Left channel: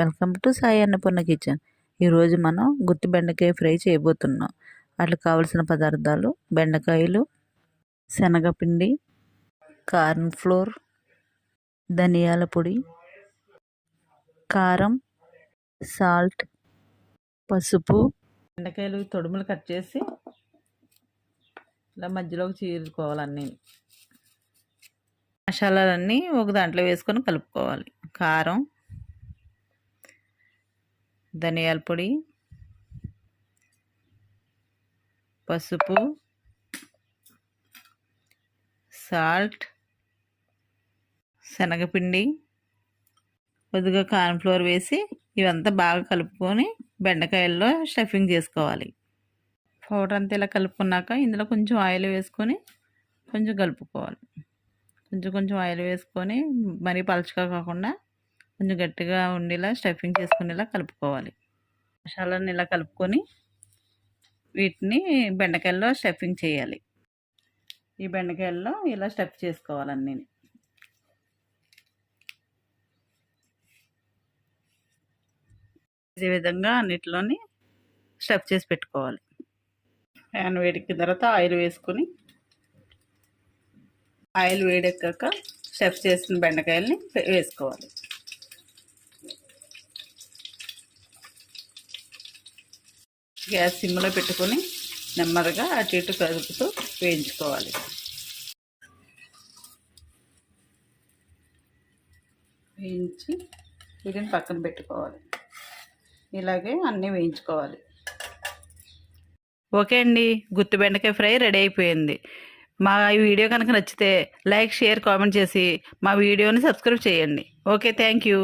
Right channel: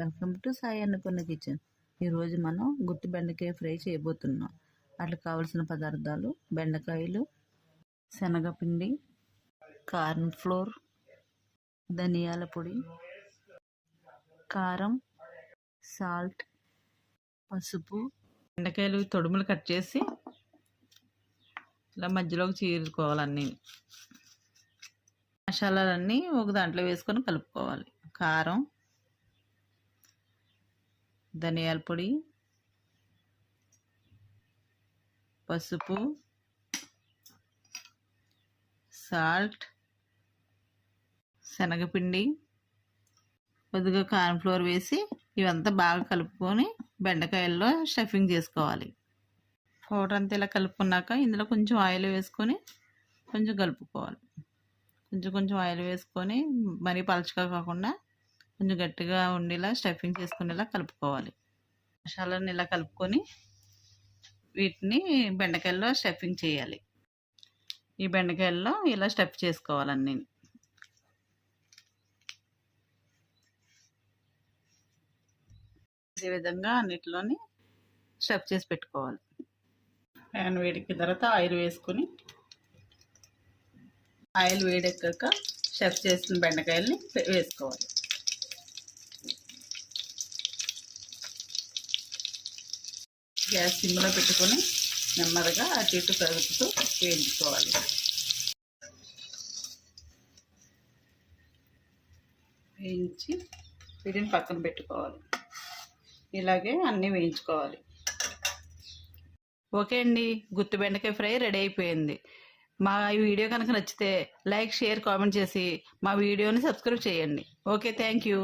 Welcome to Sai Annapurna kitchen. ఈరోజు మనం గుత్తి బెండకాయ ఫ్రై చేయబోతున్నాం. వాటికి కావలసిన పదార్థాలు బెండకాయలు శనగపిండి కార్న్ ఫ్లోర్ ధనియాల పొడి కారం సాల్ట్ పసుపు బెండకాయలు తొడుములు కట్ చేసి ఇలా మధ్యలోకి చీరుకోవాలన్నీ మసాలాలన్నీ ఒక దాంట్లో వేసుకొని కలుపుకోవాలి. కారం ధనియాల పొడి పసుపు సాల్ట్ శనగపిండి కొద్దిగా కార్న్ఫ్లోర్ వేసి ఇవంతా బాగా కలుపుకొని బెండకాయల్లో స్టఫింగ్ చేసుకోవాలి. పౌడర్ అంతా ఇలా కలుపుకున్నాక ఇందులో కొంచెం ఆయిల్ వేసుకొని కొంచెం కలుపుకోవాలి. కొంచెం కొంచెం ఆయిల్ వేసుకొని మరీ పలచగా కాకుండా కొంచెం గట్టిగా ఉండేలా స్టఫింగ్ చేసుకునేలా కలుపుకోవాలి. మసాలాని ఇలా కలుపుకొని వీటిని బెండకాయల్లో స్టఫింగ్ చేయాలి. ఈ బెండకాయల్లో ఇలా స్టఫ్ చేసుకోవాలన్నీ ఈ విధంగా అన్నిటిలోని స్టఫ్ చేసి పెట్టుకోవాలి. ప్యాన్ వేడికి తర్వాత ఆయిల్ వేసుకొని ఆయిల్ వేడెక్కాక స్టఫ్ చేసిన బెండకాయల్ని వేసుకోవాలి. గ్యాస్ సిమ్లో పెట్టుకొని నెమ్మదిగా అటు ఇటు కదుపుతూ వేయించుకోవాలి. వేయించి వీటిని పక్కన పెట్టుకోవాలి. ఇలాగే అన్నీ వేయించుకోవాలి. ఓకే అండి గుత్తి బెండకాయ ఫ్రై రెడీ అయిపోయింది. మా ఈ వీడియో కనుక నచ్చితే లైక్ షేర్ కామెంట్ చేసి మా వీడియోని సబ్స్క్రైబ్ చేయండి. Okay thank you.